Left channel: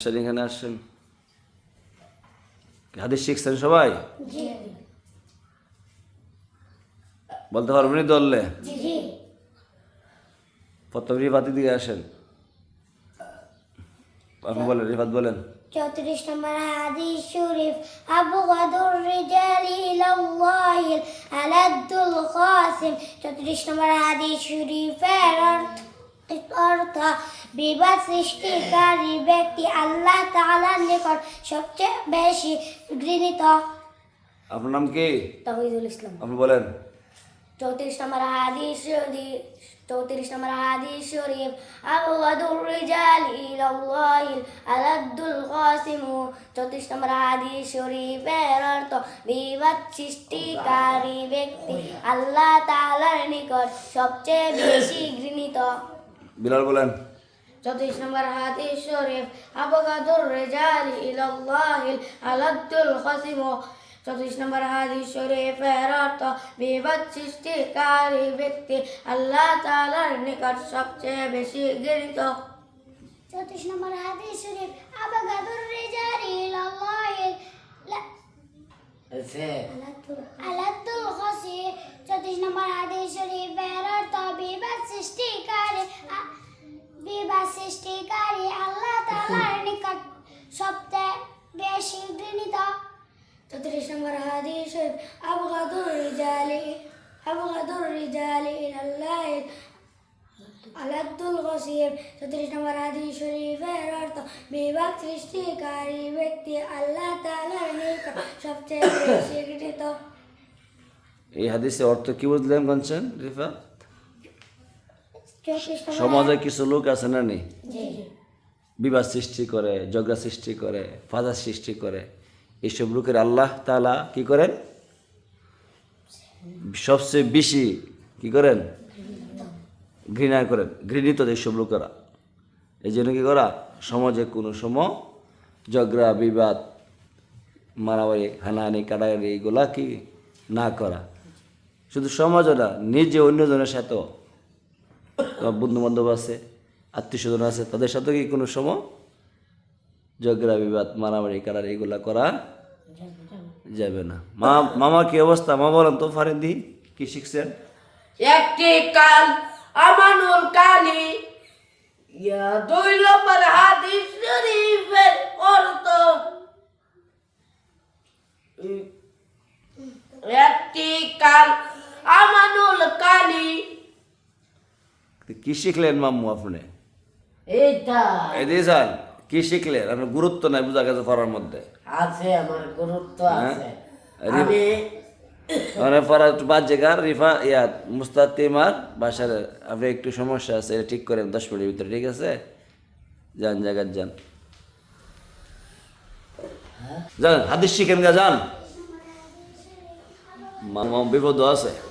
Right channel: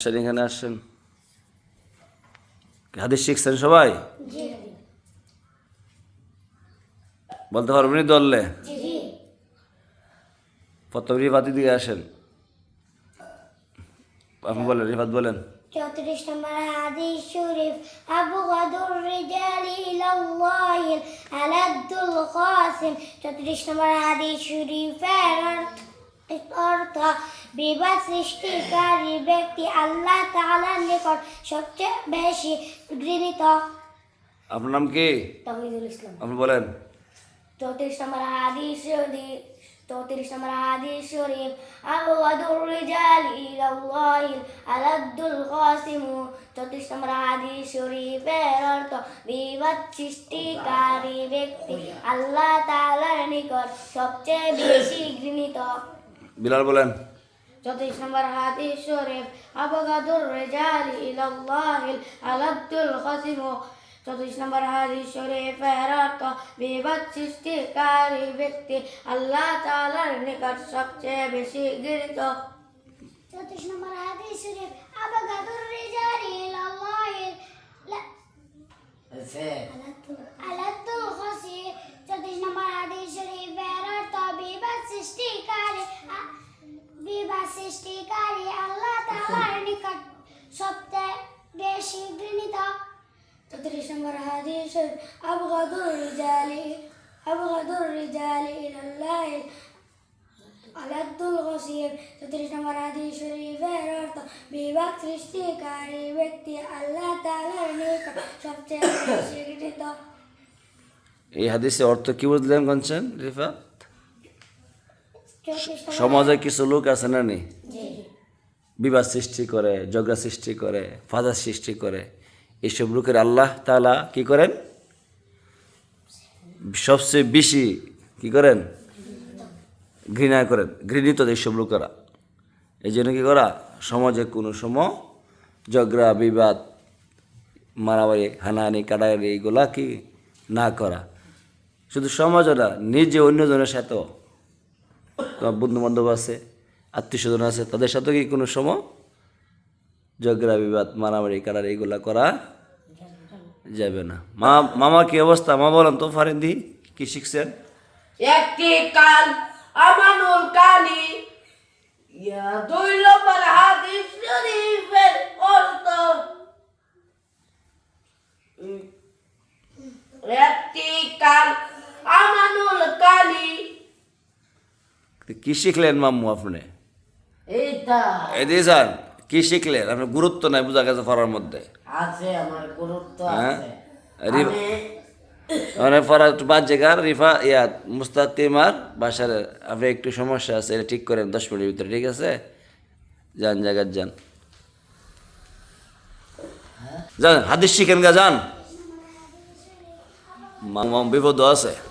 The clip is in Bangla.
এখানে আসছেন, হাদিস শিখছেন সবাই? বলতে পারবেন দললে? প্রথম রিফাতি দিয়ে আসেন, আপনি বলেন, রিফাত বলেন। 34 নম্বর হাদিস শরীফ, আবগাদুর রিজালি ইলাল্লাহি আলাদ্দুল কাসিম। 34 নম্বর হাদিস শরীফের অর্থ, বিবাদ সৃষ্টিকারী ব্যক্তি আল্লাহ তাআলার নিকট সবচেয়ে বেশি ঘৃণিত। আপনার নাম কি? তাওহীদুল ইসলাম। আপনি বলেন। 34 নম্বর হাদিস শরীফ, 34 নম্বর হাদিস শরীফ, আবগাদুর রিজালি ইলাল্লাহি আলাদ্দুল কাসিম। 34 নম্বর হাদিস শরীফের অর্থ, বিবাদ সৃষ্টিকারী ব্যক্তি আল্লাহ তাআলার নিকট সবচেয়ে বেশি ঘৃণিত। বিলাল বলেন। 34 নম্বর হাদিস শরীফ, আবগাদুর রিজালি ইলাল্লাহি আলাদ্দুল কাসিম। 34 নম্বর হাদিস শরীফের অর্থ, বিবাদ সৃষ্টিকারী ব্যক্তি আল্লাহ তাআলার নিকট সবচেয়ে বেশি ঘৃণিত। 34 নম্বর হাদিস শরীফ, আবগাদুর রিজালি ইলাল্লাহি আলাদ্দুল কাসিম। 34 নম্বর হাদিস শরীফের অর্থ, বিবাদ সৃষ্টিকারী আল্লাহ তাআলার নিকট সবচেয়ে বেশি ঘৃণিত। 34 নম্বর হাদিস শরীফ, আবগাদুর রিজালি ইলাল্লাহি আলাদ্দুল কাসিম। 34 নম্বর হাদিস শরীফের অর্থ, বিবাদ সৃষ্টিকারী ব্যক্তি আল্লাহ তাআলার নিকট সবচেয়ে বেশি ঘৃণিত। এই হাদিসের অর্থ কি বুঝলেন কোনছেন রিফাত? সমাজে কিছু লোক আছে না নেই, বিবাদ সৃষ্টি করে, ঝগড়া সৃষ্টি করে, ফাসাদ সৃষ্টি করে, এইসব লোকের আল্লাহ তাআলা কি করেন? সবচেয়ে বেশি কি করেন? ঘৃণা করেন, ঘৃণিত এইসব লোকেরা। এই জন্য কি করা, সমাজে কোনো সময় ঝগড়া বিবাদ মারামারি হানাহানি কাটাকাটি এইগুলা কি না করা। শুধু সমাজও না, নিজে অন্যজনের সাথেও, তোমার বন্ধু বান্ধব আছে, আত্মীয় স্বজন আছে, তাদের সাথে কি কোনো সময় ঝগড়া বিবাদ মারামারি কাটারি এইগুলা করা যাবে না। মামা কি অবস্থা? মা বলেন তো, ফারিন্দি কি শিখছেন? একটি কাল আমানুল কালি, 2 নম্বর হাদিস শরীফের অর্থ, একটি কাল আমানুল কালি। কি শিখলেন মাম্মু আপনি? এইটা এদিকে যান, কি শিখলেন? আপনার গুরুত্ব নাই বোঝা গেছে পড়ার মধ্যে। আছে, আমার গুরুত্ব হ্যাঁ? আছে। রি- আমি মানে পড়া একটু বাদ জায়গার রিফা মুস্তাকিমার বাসার আপনি একটু সমস্যা আছে, এটা ঠিক করেন 10 মিনিটের ভিতরে, ঠিক আছে? যান জায়গার যান, যান হাদিস শিখেন গা, যান, বিপদ আছে।